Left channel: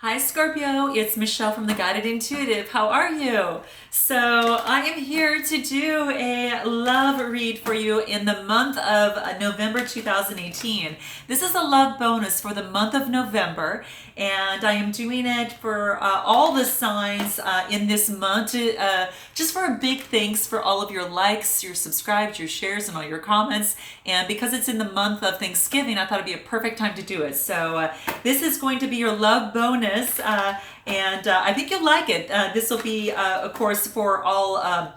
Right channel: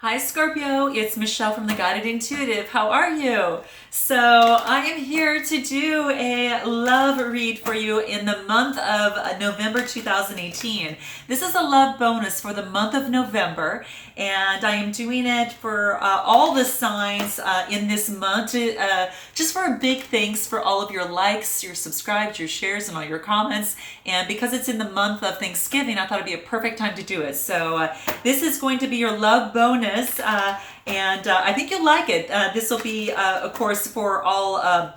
Hi Scorpio, it's Michelle from the Guided Intuitive. How are you? So I am here to do a love read for you in the month of November 2018. This is a love bonus for the month of November, and I am doing it for all the signs in this month, just for a big thanks for all of your likes, your subscribes, your shares, and all your comments. And because it's in the month of Thanksgiving, I thought it'd be a perfect time to do it. So this is going to be your love bonus, and I think you'll like it. This will be, of course, for all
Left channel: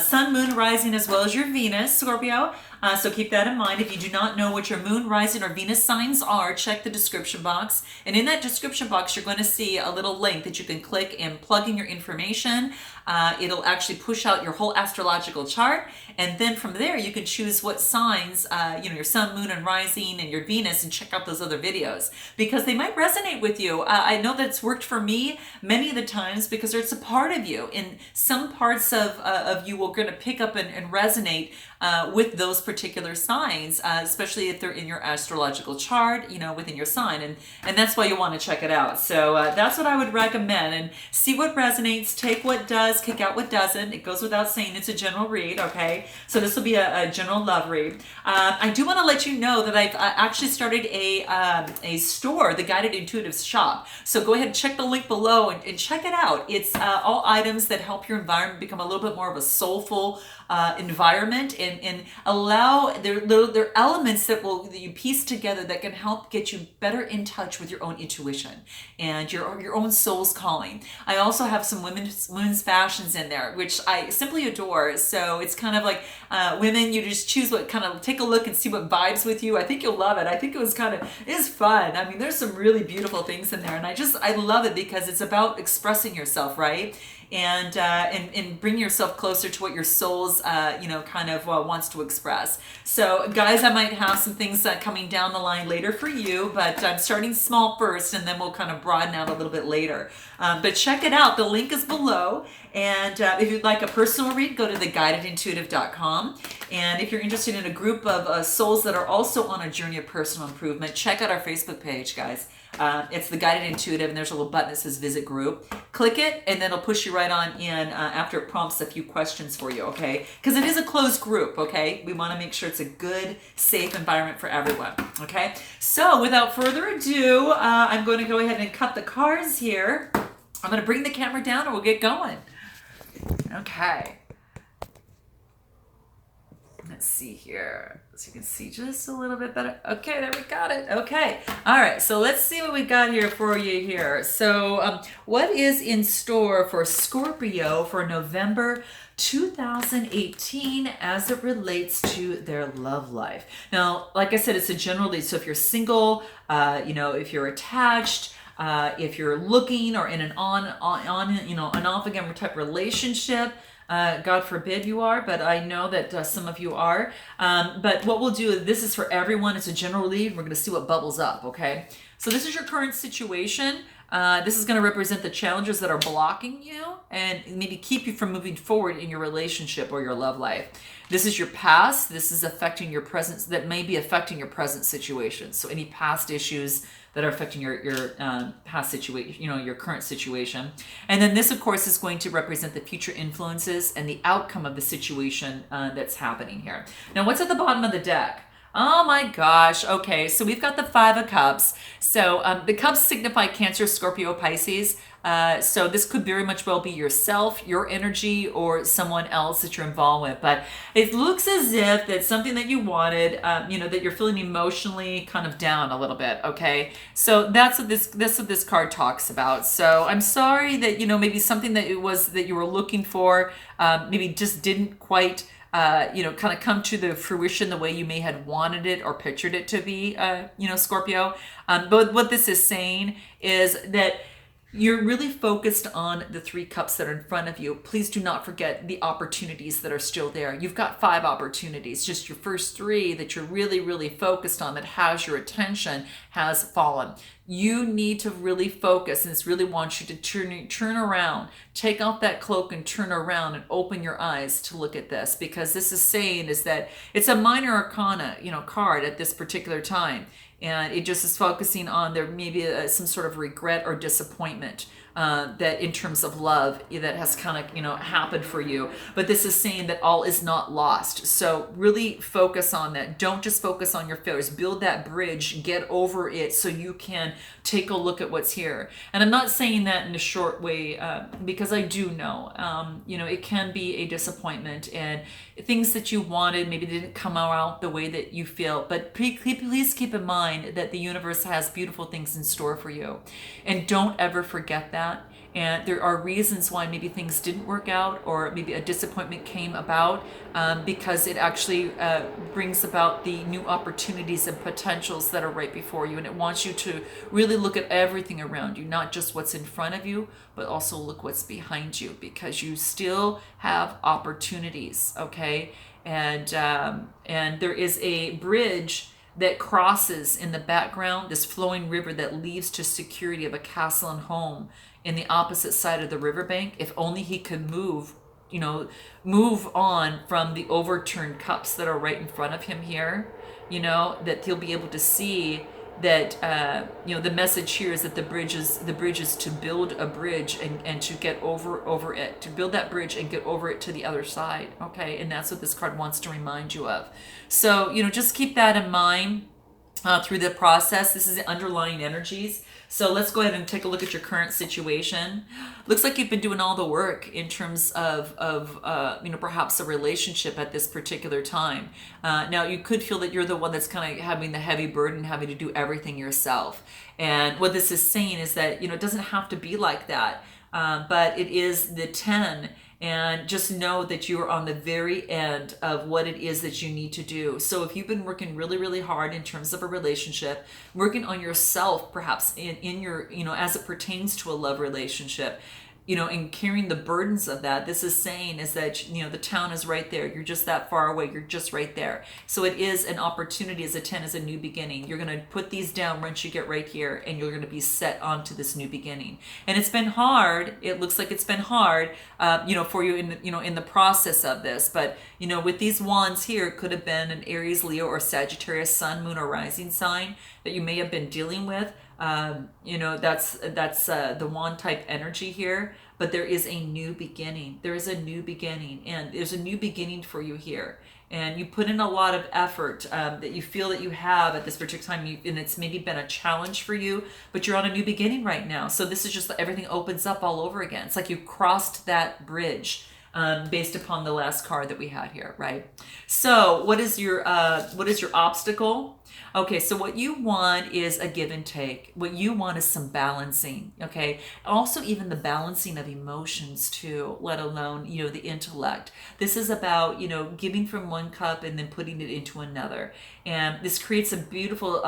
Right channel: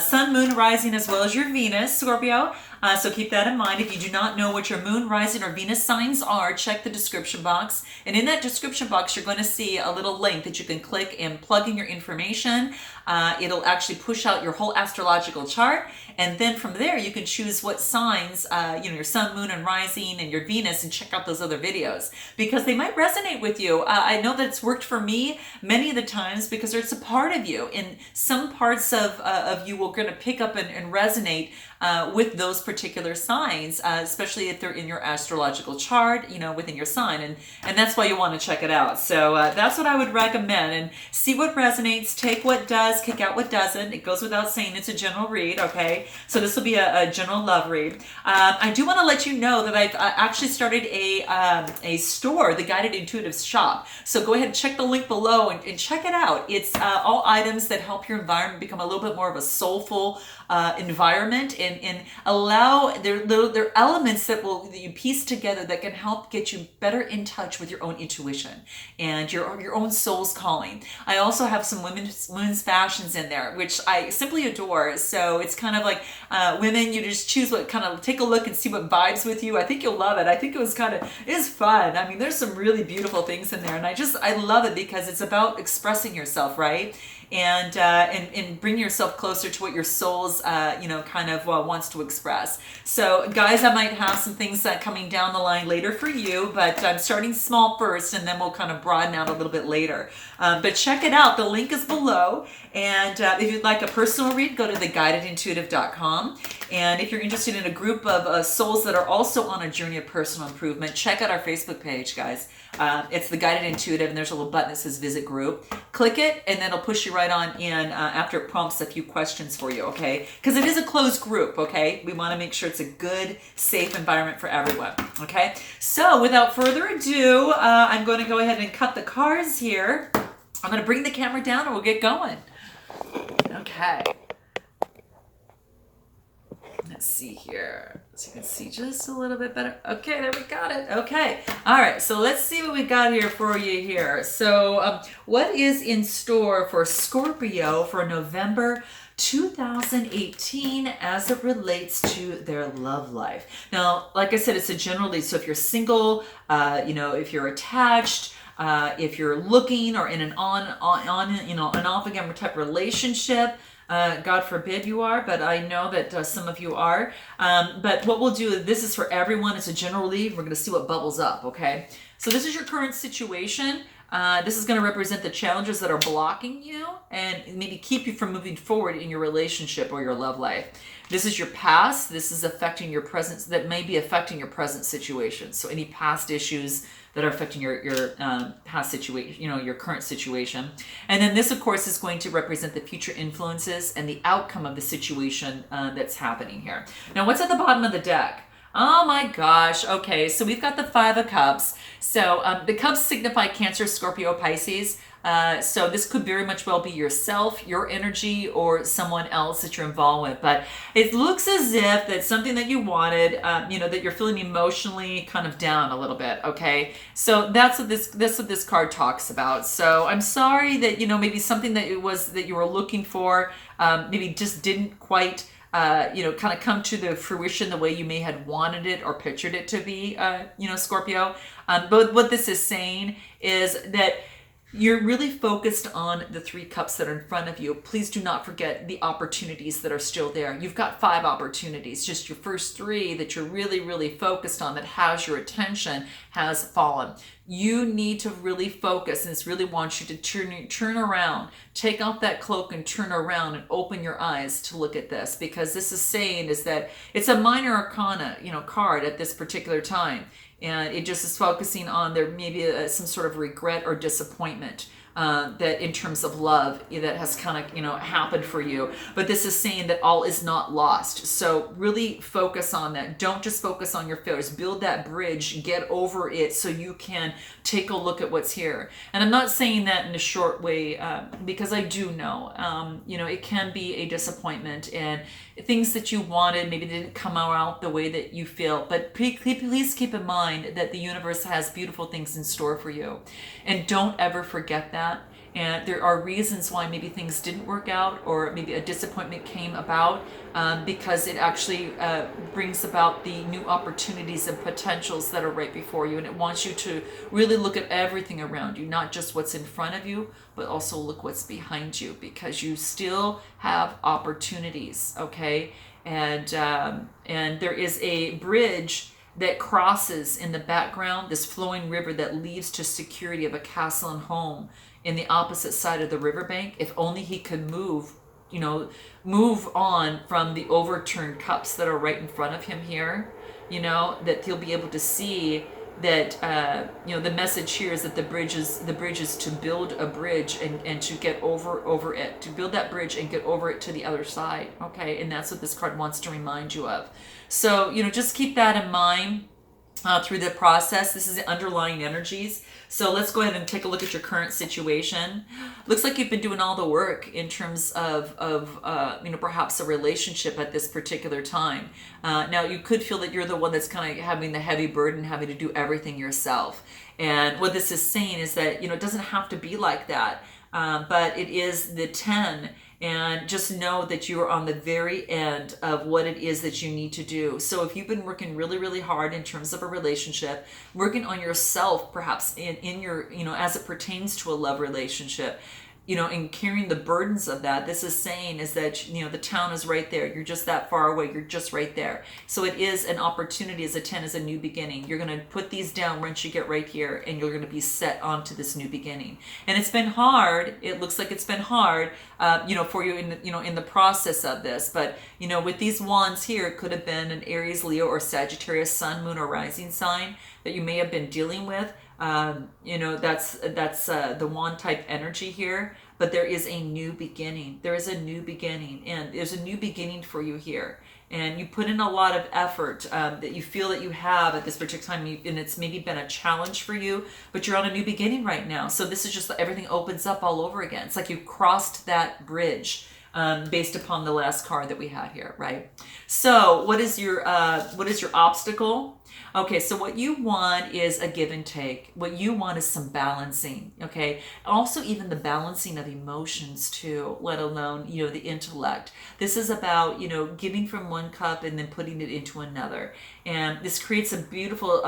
sun, moon, rising, as well as your Venus, Scorpio. So keep that in mind. If you do not know what your moon, rising, or Venus signs are, check the description box. And in that description box, you're going to see a little link that you can click and plug in your information. It'll actually push out your whole astrological chart. And then from there, you can choose what signs, your sun, moon, and rising, and your Venus, and check out those other videos because they might resonate with you. I know that it's worked for me many of the times because it's a part of you. And some parts of you will going to pick up and resonate with those particular signs, especially if they're in your astrological chart, within your sign. And that's why you want to check it out. So that's what I would recommend. And see what resonates, take what does, kick out what doesn't. It goes without saying it's a general read, okay? So this will be a general love read. I do want to let you know that I've actually started a store, the Guided Intuitive Shop. So go ahead and check the link below and check it out. It's all items that help your environment become a little bit more of a soulful environment and allow there elements that you piece together that can help get you better in touch with your own intuition and your own soul's calling. I also have some women's fashions in there, which I simply adore. So it's kind of like women, you just choose what kind of, take a look and see what vibes with you. I think you'll love it. I think it is fun. I mean, there's some really beautiful things in there, and I love it because it's about expressing yourself, right? And bring yourself closer to what your soul's wants to express. So guys, I might have some things coming down the line later for you, but I'm starting small first, and then we'll kind of broaden out a little bit later. But check it out. The link is below. And if you'd like a personal read, go to theguidedintuitive.com. And if you're interested in a group of souls that are also on a journey of personal improvement, check out our Facebook page, guys. It's the Guided Intuitive, and there's a little button that says Visit Group. Click it, and then it'll push you right on in after it prompts a few questions for you, okay? Because it is a closed group, okay? We want to make sure it's a good, safe environment for everyone, okay? So without further ado, I'm going to go ahead and cut the cards here. I'm going to bring the camera down, and we'll get going. Okay. Let's see here. So you can see just a little bit better. Okay, there we got it. Okay. All right. So let's see what we got here for you here. So what is in store for Scorpio for November 2018 as it relates to their love life? Now, like I said, it's a general read. So if you're single, if you're attached, if you're looking or in an an off again type relationship, God forbid you are, but I know that some of you are. But what we'll do, this is for everyone. It's a general read. We're going to see what bubbles up, okay? So this is your current situation. This is going to represent the challenges that are blocking you and maybe keep you from moving forward in your relationship or your love life. This is your past. This is affecting your present, that may be affecting your present situation. So any past issues that are affecting your past situation, your current situation. And then this, of course, is going to represent the future influences and the outcome of the situation that's happening here. Now, what's at the bottom of the deck? Oh my gosh. Okay, so we've got the Five of Cups. So the cups signify Cancer, Scorpio, Pisces. So this could very much well be yourself, your energy, or someone else that you're involved with. But it looks as if that's something that you wanted, that you're feeling emotionally kind of down a little bit. Okay, so that's what this card talks about. So I'm sorry that maybe something that you were looking for, maybe just didn't quite. Kind of come to the fruition the way you may had wanted it or pictured it to be, Scorpio. But what this is saying is that you're really focused on the three cups that are in front of you. Please do not forget the opportunities that are still there. You've got 5 opportunities. Just your first 3 that you're really, really focused on, that has your attention, has fallen. You need to really focus, and this really wants you to turn around, take off that cloak and turn around and open your eyes to look at this, because this is saying is that it's a minor arcana, card at this particular time. And it just is focusing on there maybe some sort of regret or disappointment that in terms of love that has kind of happened for you. But this is saying that all is not lost. So really focus on that. Don't just focus on your failures. Build that bridge, get over it, so you can take a look at what's here. And I'm not saying that in a short way because I do know it can be a disappointment, and things that you wanted maybe didn't come out the way that you feel. But please keep in mind that the universe has beautiful things in store for you, and don't ever forget that. And there are reasons why maybe things didn't work out, or maybe a disappointment came about because it actually brings about the new opportunities and potentials that are right before you. And it wants you to really look at everything around you, not just what's in front of you, but also look what's behind you, because you still have opportunities, okay? And there is a bridge that crosses in the background, this flowing river that leads to security of a castle and home in the opposite side of the riverbank. If only he could move on from the overturned cups that are right in front of him here, that he'll be able to see that the message here is that the bridge is to build a bridge and to get over it, to build that bridge and get over it to the other side. Okay, and that's what this card wants to remind you of. So just keep that in mind through the process. This is the underlying energies. So let's go ahead and take a look at your current situation. Looks like you've been doing all the work in terms of perhaps a relationship at this particular time. Now you could feel that you're the one that's kind of having the heavy burden, having to do everything yourself. And what this is saying is that it doesn't have to be like that, but it is the 10. And just know that you are on the very end of what it is that you need to do. So if you've been working really, really hard in terms of a relationship, working on yourself, perhaps in your, as it pertains to a love relationship, and carrying the burdens of that, this is saying is that, the town is right there. You're just that far away. You're just right there. So it is an opportunity as a 10, as a new beginning. You're going to put these down once you get right here, and you're going to be set onto this new beginning. And it's been hard. It looks like it's been hard, for you in the process of this. But, with these wands here, it could have been an Aries, Leo, or Sagittarius sun, moon, or rising sign that you may have been dealing with. That's the wand type energy here, but there is a new beginning. There is a new beginning, and there's a new beginning for you here. And you put in a lot of effort that you feel that you have at this particular time, and it's maybe been a challenge for you, but you're on a new beginning right now. So this is just everything opens up all over again. It's like you crossed that bridge based upon the last card that we had here, right? So what is your obstacle? Okay, so what you want is a give and take. What you want is some balancing, okay? Also even the balancing of emotions too, let alone, the intellect. This is about, giving from one cup and then putting it into another. And this creates a beautiful,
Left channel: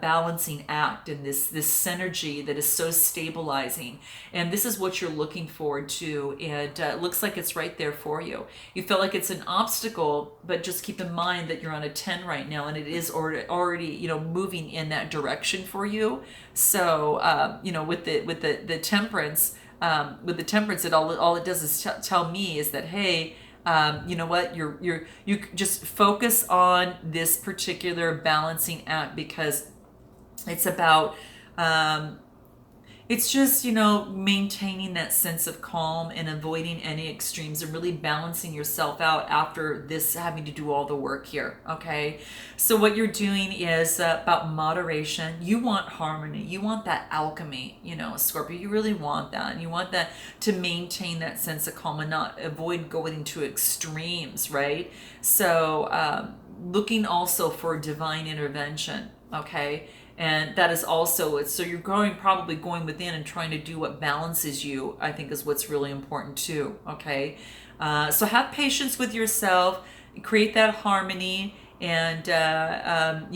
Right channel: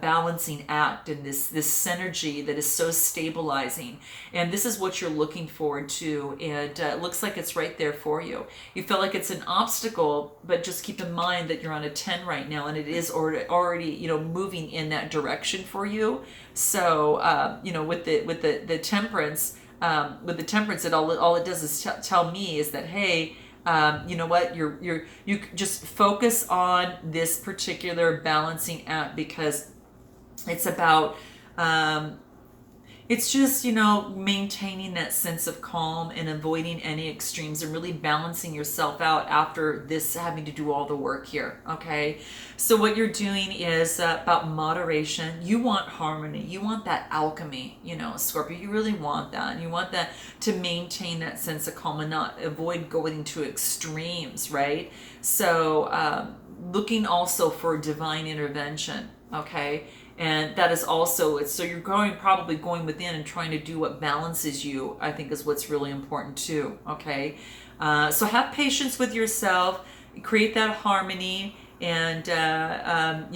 balancing act, and this synergy that is so stabilizing. And this is what you're looking forward to, and it looks like it's right there for you. You feel like it's an obstacle, but just keep in mind that you're on a 10 right now, and it is already moving in that direction for you. So with the temperance, it all it does is tell me is that, hey, you know what, you just focus on this particular balancing act, because it's about it's just, maintaining that sense of calm and avoiding any extremes, and really balancing yourself out after this, having to do all the work here, okay? So what you're doing is about moderation. You want harmony. You want that alchemy, Scorpio. You really want that. And you want that to maintain that sense of calm and not avoid going to extremes, right? So looking also for divine intervention, okay? And that is also, so you're probably going within and trying to do what balances you, I think is what's really important too, okay? So have patience with yourself, create that harmony, and kind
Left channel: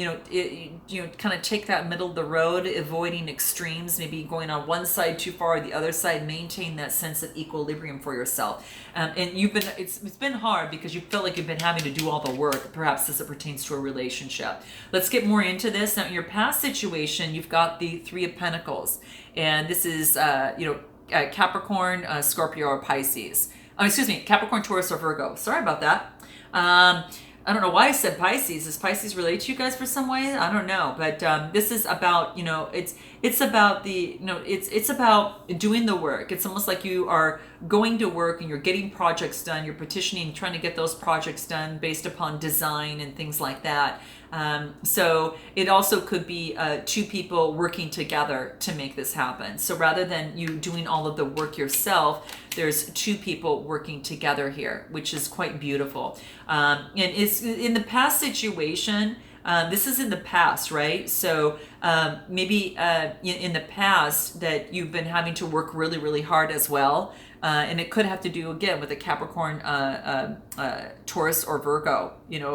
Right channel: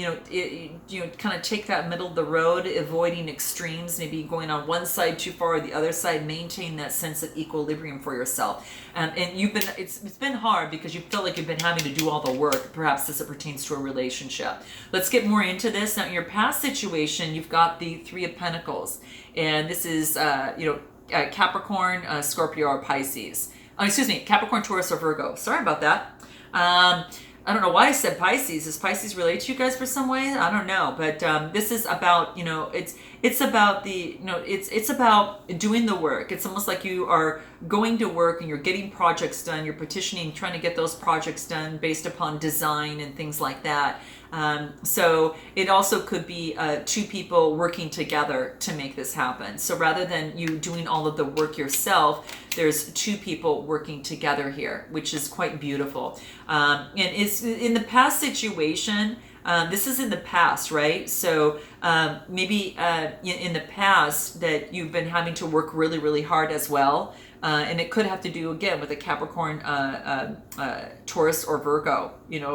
of take that middle of the road, avoiding extremes, maybe going on one side too far or the other side. Maintain that sense of equilibrium for yourself. And it's been hard because you feel like you've been having to do all the work, perhaps as it pertains to a relationship. Let's get more into this. Now, in your past situation, you've got the Three of Pentacles, and this is Capricorn, Scorpio, or Pisces. Capricorn, Taurus, or Virgo. Sorry about that. I don't know why I said Pisces. Does Pisces relate to you guys for some way? I don't know, but this is about, it's about the, it's about doing the work. It's almost like you are going to work and you're getting projects done. You're petitioning, trying to get those projects done based upon design and things like that. So it also could be two people working together to make this happen. So rather than you doing all of the work yourself, there's two people working together here, which is quite beautiful. And it's in the past situation. This is in the past, right? So maybe in the past that you've been having to work really, really hard as well. And it could have to do, again, with a Capricorn, Taurus, or Virgo,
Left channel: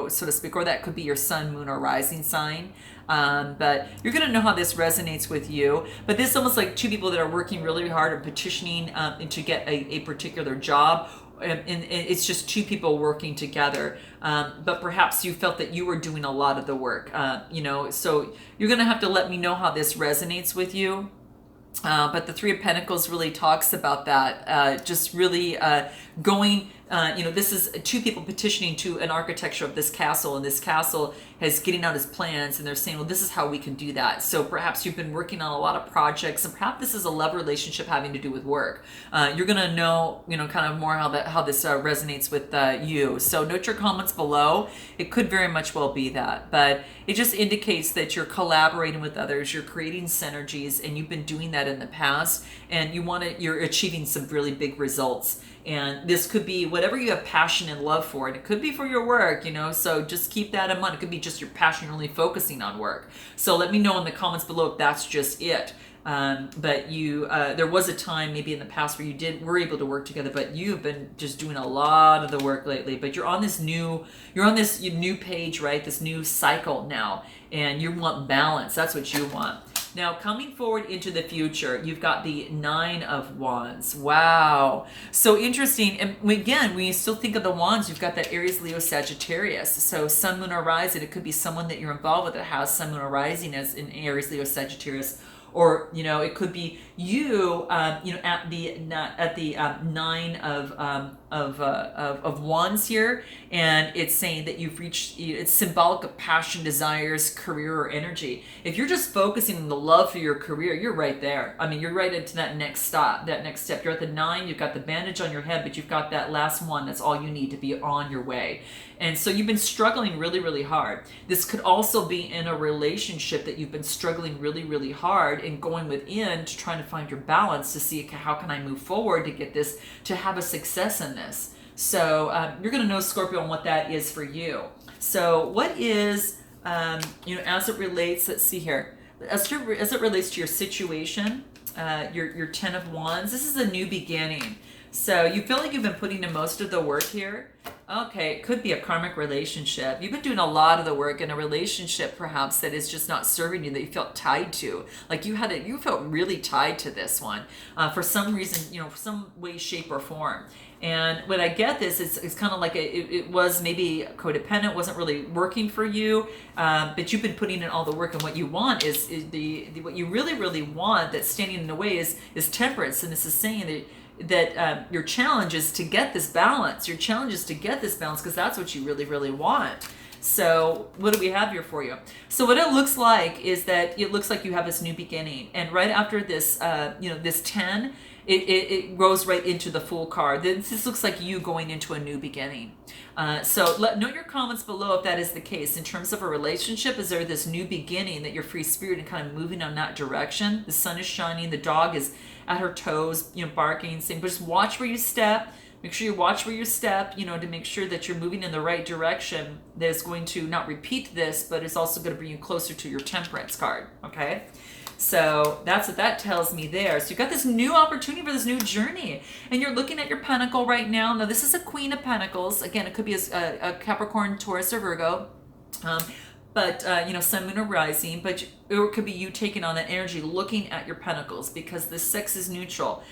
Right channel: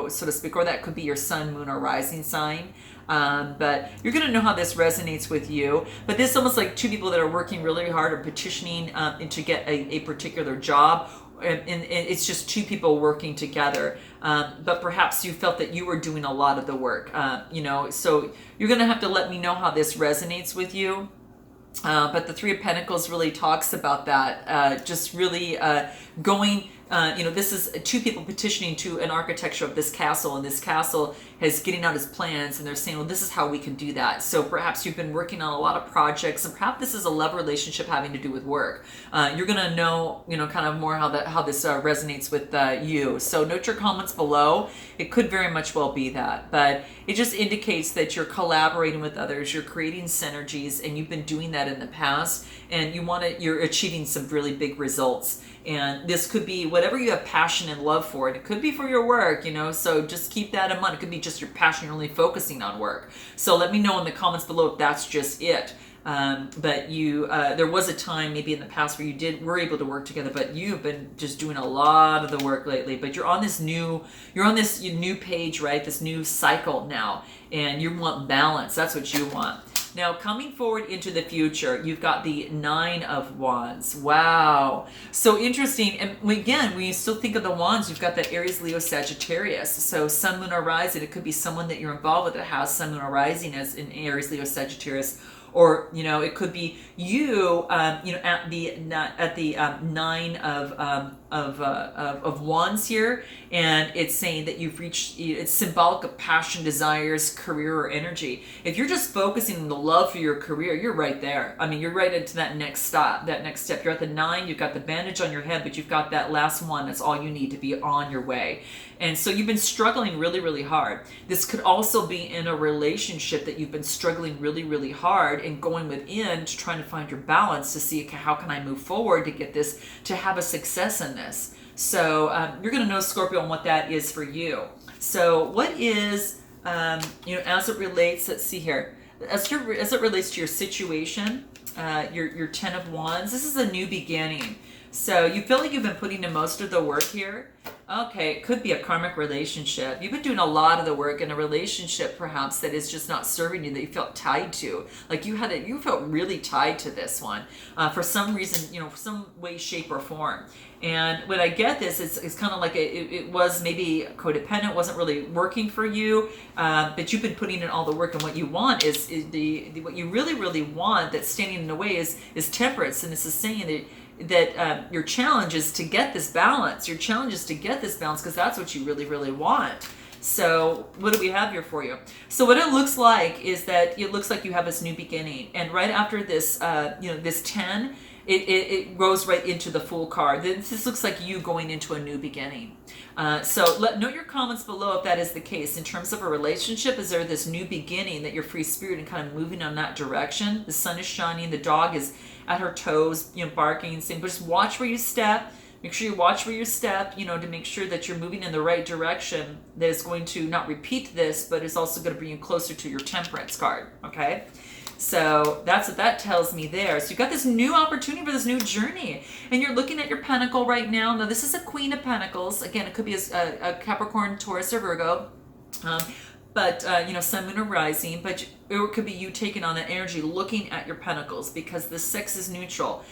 so to speak, or that could be your sun, moon, or rising sign. But you're going to know how this resonates with you. But this is almost like two people that are working really hard or petitioning to get a particular job. And it's just two people working together. But perhaps you felt that you were doing a lot of the work, so you're going to have to let me know how this resonates with you. But the Three of Pentacles really talks about that, just really going, this is two people petitioning to an architecture of this castle, and this castle is getting out his plans, and they're saying, well, this is how we can do that. So perhaps you've been working on a lot of projects, and perhaps this is a love relationship having to do with work. You're going to know, kind of more how this resonates with you. So note your comments below. It could very much well be that, but it just indicates that you're collaborating with others, you're creating synergies, and you've been doing that in the past, and you're achieving some really big results. And this could be whatever you have passion and love for. And it could be for your work, so just keep that in mind. It could be just your passion, you're only focusing on work. So let me know in the comments below if that's just it. But there was a time maybe in the past where you were able to work together, but you've been just doing a lot of the work lately. But you're on this new page, right? This new cycle now, and you want balance. That's what you want. Now, coming forward into the future, you've got the Nine of Wands. Wow. So interesting. And again, when you still think of the wands, you've got that Aries, Leo, Sagittarius. So Sun, Moon, or Rising, it could be someone that you're involved with that has Sun, Moon, or Rising as in Aries, Leo, Sagittarius. Or, it could be you, at the Nine of Wands here, and it's saying that you've reached. It's symbolic of passion, desires, career, or energy. If you're just focusing on the love for your career, you're right there. I mean, you're right into that next stop, that next step. You're at the 9. You've got the bandage on your head, but you've got that last one. That's all you need to be on your way. And so you've been struggling really, really hard. This could also be in a relationship that you've been struggling really, really hard and going within to trying to find your balance to see, okay, how can I move forward to get this, to have a success in this. So you're going to know, Scorpio, on what that is for you. So what is, as it relates, let's see here, as it relates to your situation, your 10 of Wands, this is a new beginning. So you feel like you've been putting in most of the work here. Okay, it could be a karmic relationship. You've been doing a lot of the work in a relationship, perhaps, that is just not serving you, that you felt tied to. Like you felt really tied to this one for some reason, some way, shape, or form. And when I get this, it's kind of like it was maybe codependent, wasn't really working for you, but you've been putting in all the work. And what you want is what you really, really want that's standing in the way is temperance. And this is saying that your challenge is to get this balance. Your challenge is to get this balance because that's what you really, really want. So what do we have here for you? So what it looks like is that it looks like you have this new beginning. And right after this, this 10, it goes right into the Fool card. This looks like you going into a new beginning. So note your comments below if that is the case. In terms of a relationship, is there this new beginning that you're free spirit and kind of moving on that direction? The sun is shining. The dog is at her toes, barking, saying, but just watch where you step. Make sure you watch where you step, to make sure that you're moving in the right direction that is going to not repeat this, but is also going to bring you closer to your temperance card, okay? So that's what that tells me there. So you've got this new opportunity for this new journey, and you're looking at your pentacle right now. Now, this is a Queen of Pentacles. Again, it could be a Capricorn, Taurus, or Virgo. But, Sun, Moon, or Rising, but it could be you taking on that energy, looking at your pentacles, because the 6 is neutral.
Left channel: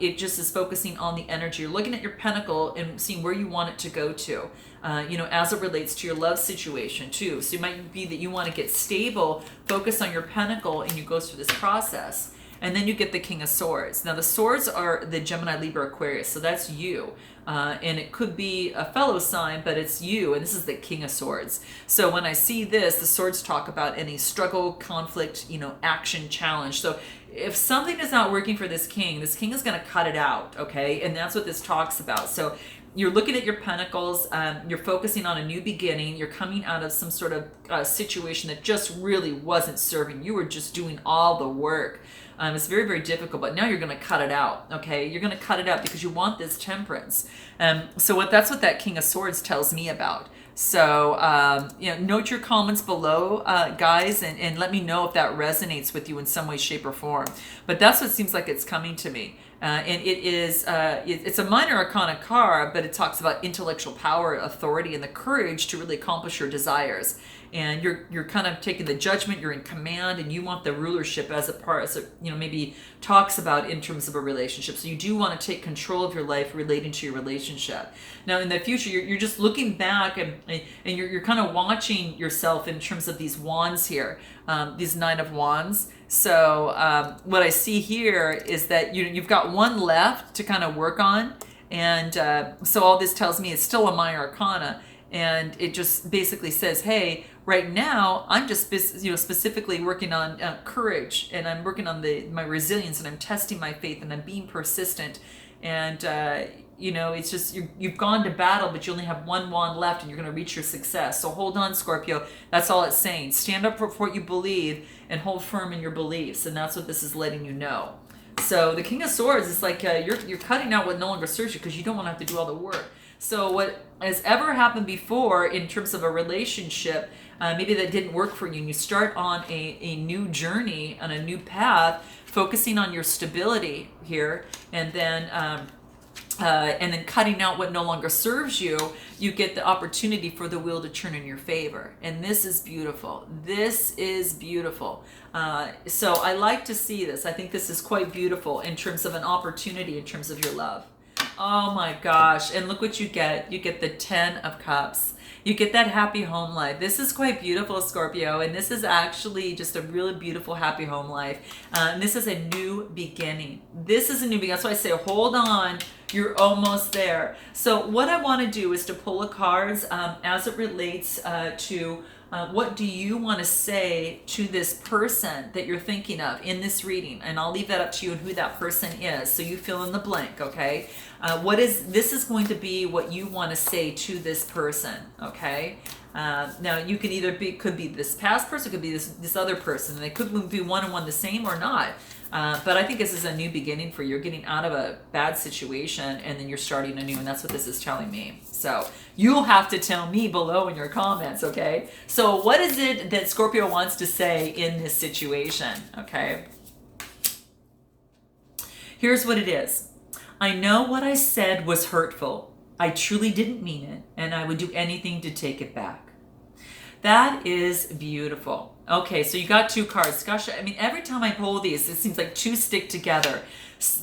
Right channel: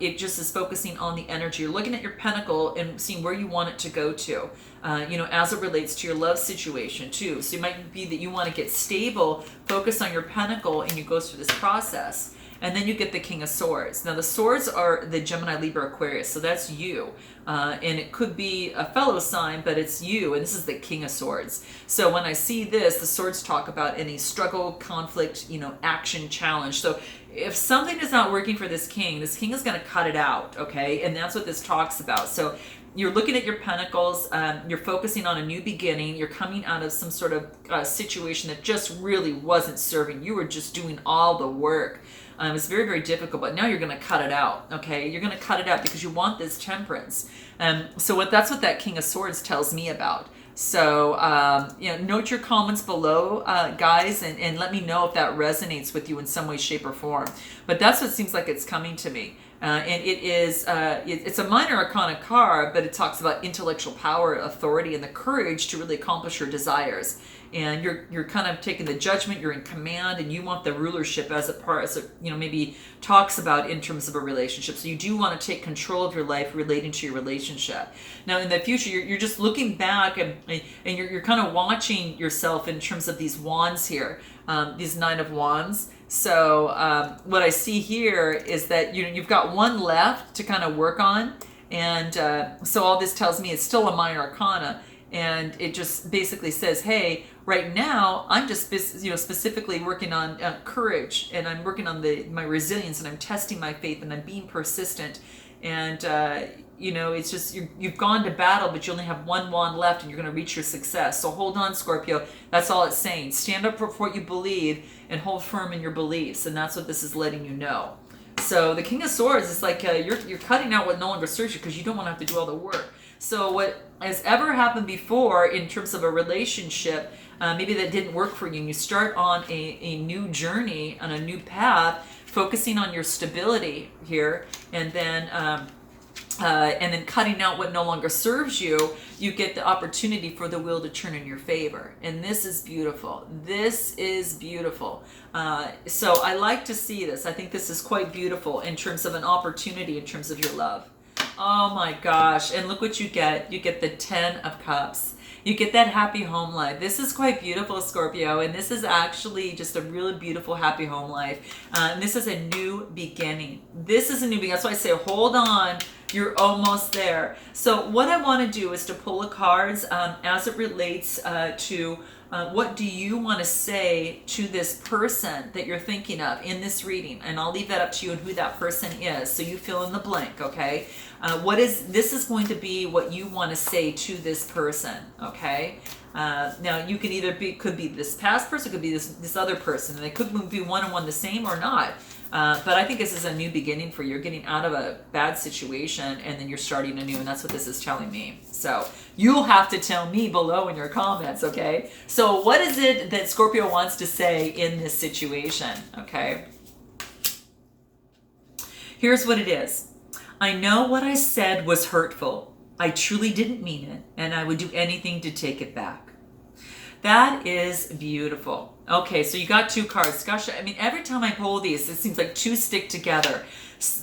It just is focusing on the energy. You're looking at your pentacle and seeing where you want it to go to, as it relates to your love situation, too. So it might be that you want to get stable, focus on your pentacle, and you go through this process. And then you get the King of Swords. Now the swords are the Gemini, Libra, Aquarius, so that's you. And it could be a fellow sign, but it's you, and this is the King of Swords. So when I see this, the swords talk about any struggle, conflict, action, challenge. So if something is not working for this king is going to cut it out, okay? And that's what this talks about. So you're looking at your pentacles, you're focusing on a new beginning, you're coming out of some sort of situation that just really wasn't serving. You were just doing all the work. It's very, very difficult, but now you're going to cut it out, okay? You're going to cut it out because you want this temperance. So that's what that King of Swords tells me about. So, note your comments below, guys, and let me know if that resonates with you in some way, shape, or form. But that's what seems like it's coming to me. And it is, it's a minor arcana card, but it talks about intellectual power, authority, and the courage to really accomplish your desires. And you're kind of taking the judgment, you're in command, and you want the rulership as maybe talks about in terms of a relationship. So you do want to take control of your life relating to your relationship. Now in the future, you're just looking back and you're kind of watching yourself in terms of these wands here, these Nine of Wands. So what I see here is that you've got one left to kind of work on. And so all this tells me it's still a minor arcana. And it just basically says, hey, right now, I'm just specifically working on courage, and I'm working on my resilience, and I'm testing my faith, and I'm being persistent. And, it's just you've gone to battle, but you only have one wand left, and you're going to reach your success. So hold on, Scorpio. That's all it's saying. Stand up for what you believe and hold firm in your beliefs. And that's what this is letting you know. So the King of Swords is like you're cutting out what no longer serves you because you don't want to have to do all the work. So what has ever happened before in terms of a relationship, maybe that didn't work for you, and you start on a new journey, on a new path, focusing on your stability here, and then cutting out what no longer serves you, you get the opportunity for the wheel to turn in your favor. And this is beautiful. This is beautiful. So I like to see this. I think this is quite beautiful in terms of an opportunity, in terms of your love. Oh my gosh. And look what you get. You get the 10 of Cups. You get that happy home life. This is quite beautiful, Scorpio. And this is actually just a really beautiful happy home life. And this is a new beginning. This is a new beginning. That's why I say hold on. You're almost there. So what I want to do is to pull the cards as it relates to what do you want to say to this person that you're thinking of in this reading? And I'll leave that up to you and who that person is. So you fill in the blank, okay? This is going to be what you want to say to this person, okay? Now you can could be this past person, could be this other person, and they could be one and one the same or not. But I think this is a new beginning for you. You're getting out of a bad situation and then you're starting anew, and that's what this is telling me. So you'll have to tell me below in your comments, okay? So what is it that Scorpio wants to say in this situation, okay? Here's what it is. I know what I said was hurtful. I truly didn't mean it, and I would do anything to take it back. That is beautiful. Okay, so you got two cards. Gosh, I mean, every time I pull these, it seems like two stick together.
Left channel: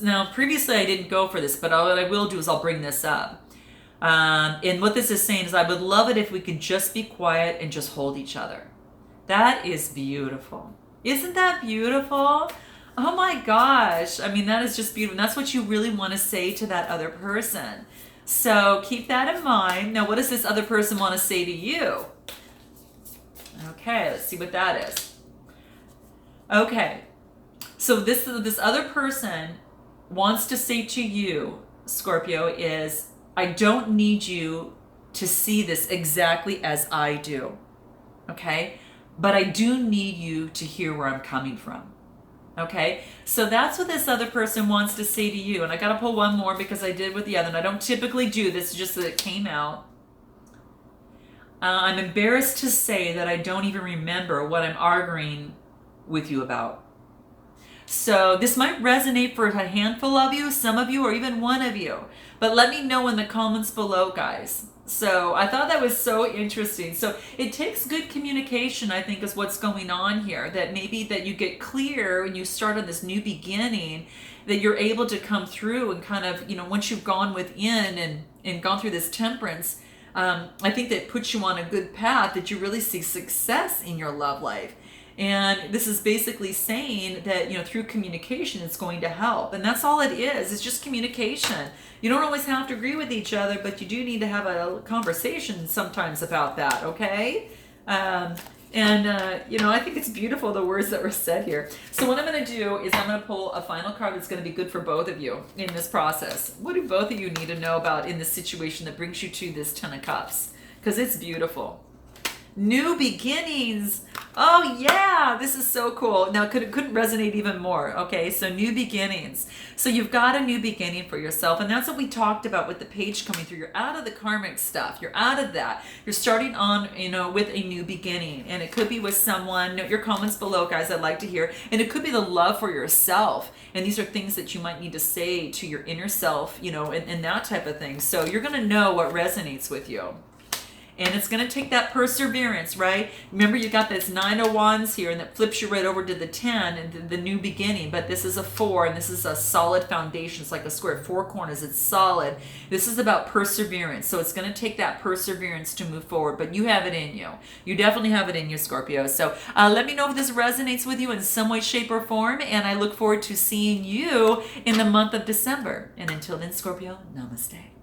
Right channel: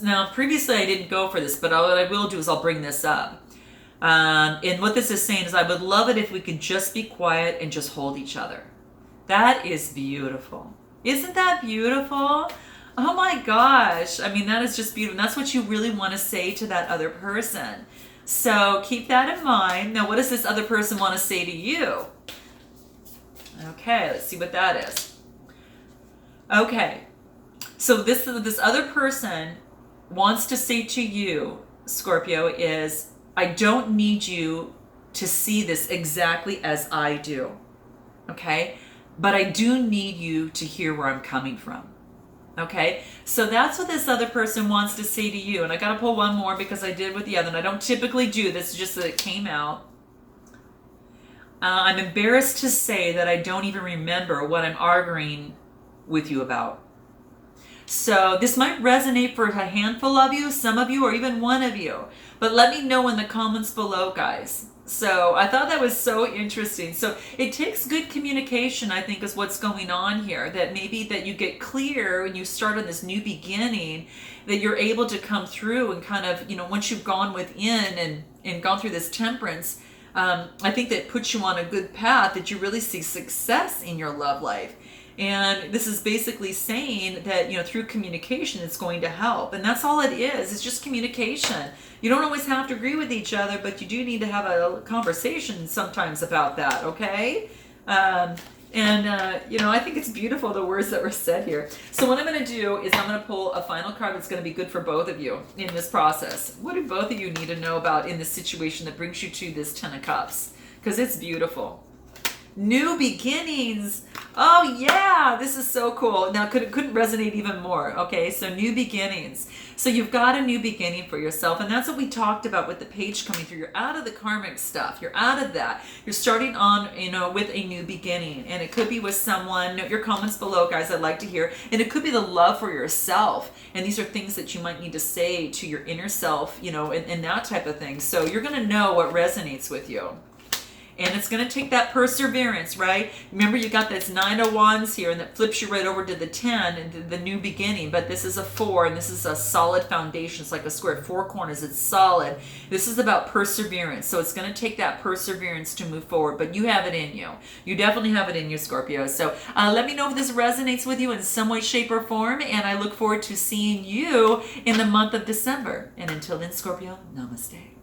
Now, previously I didn't go for this, but what I will do is I'll bring this up. And what this is saying is I would love it if we could just be quiet and just hold each other. That is beautiful. Isn't that beautiful? Oh my gosh. I mean, that is just beautiful. And that's what you really want to say to that other person. So keep that in mind. Now, what does this other person want to say to you? Okay, let's see what that is. Okay, so this other person wants to say to you, Scorpio, is I don't need you to see this exactly as I do, okay? But I do need you to hear where I'm coming from, okay? So that's what this other person wants to say to you. And I got to pull one more because I did with the other. And I don't typically do this, just that it came out. I'm embarrassed to say that I don't even remember what I'm arguing with you about. So this might resonate for a handful of you, some of you, or even one of you. But let me know in the comments below, guys. So I thought that was so interesting. So it takes good communication, I think, is what's going on here. That maybe that you get clear when you start on this new beginning, that you're able to come through and kind of, once you've gone within and gone through this temperance, I think that puts you on a good path, that you really see success in your love life. And this is basically saying that, you know, through communication, it's going to help. And that's all it is. It's just communication. You don't always have to agree with each other, but you do need to have a conversation sometimes about that, okay? You know, I think it's beautiful, the words that were said here. So what I'm going to do is I'm going to pull a final card that's going to be good for both of you in this process. What do both of you need to know about in this situation that brings you to this Ten of Cups? Because it's beautiful. New beginnings. Oh yeah, this is so cool. Now couldn't resonate even more. Okay, so new beginnings. So you've got a new beginning for yourself, and that's what we talked about with the page coming through. You're out of the karmic stuff. You're out of that. You're starting on, you know, with a new beginning, and it could be with someone. Note your comments below, guys. I'd like to hear. And it could be the love for yourself. And these are things that you might need to say to your inner self, you know, and that type of thing. So you're going to know what resonates with you. And it's going to take that perseverance, right? Remember, you got this 9 of Wands here, and that flips you right over to the 10 and the new beginning. But this is a 4, and this is a solid foundation. It's like a square, 4 corners. It's solid. This is about perseverance. So it's going to take that perseverance to move forward. But you have it in you. You definitely have it in you, Scorpio. So let me know if this resonates with you in some way, shape, or form. And I look forward to seeing you in the month of December. And until then, Scorpio, namaste.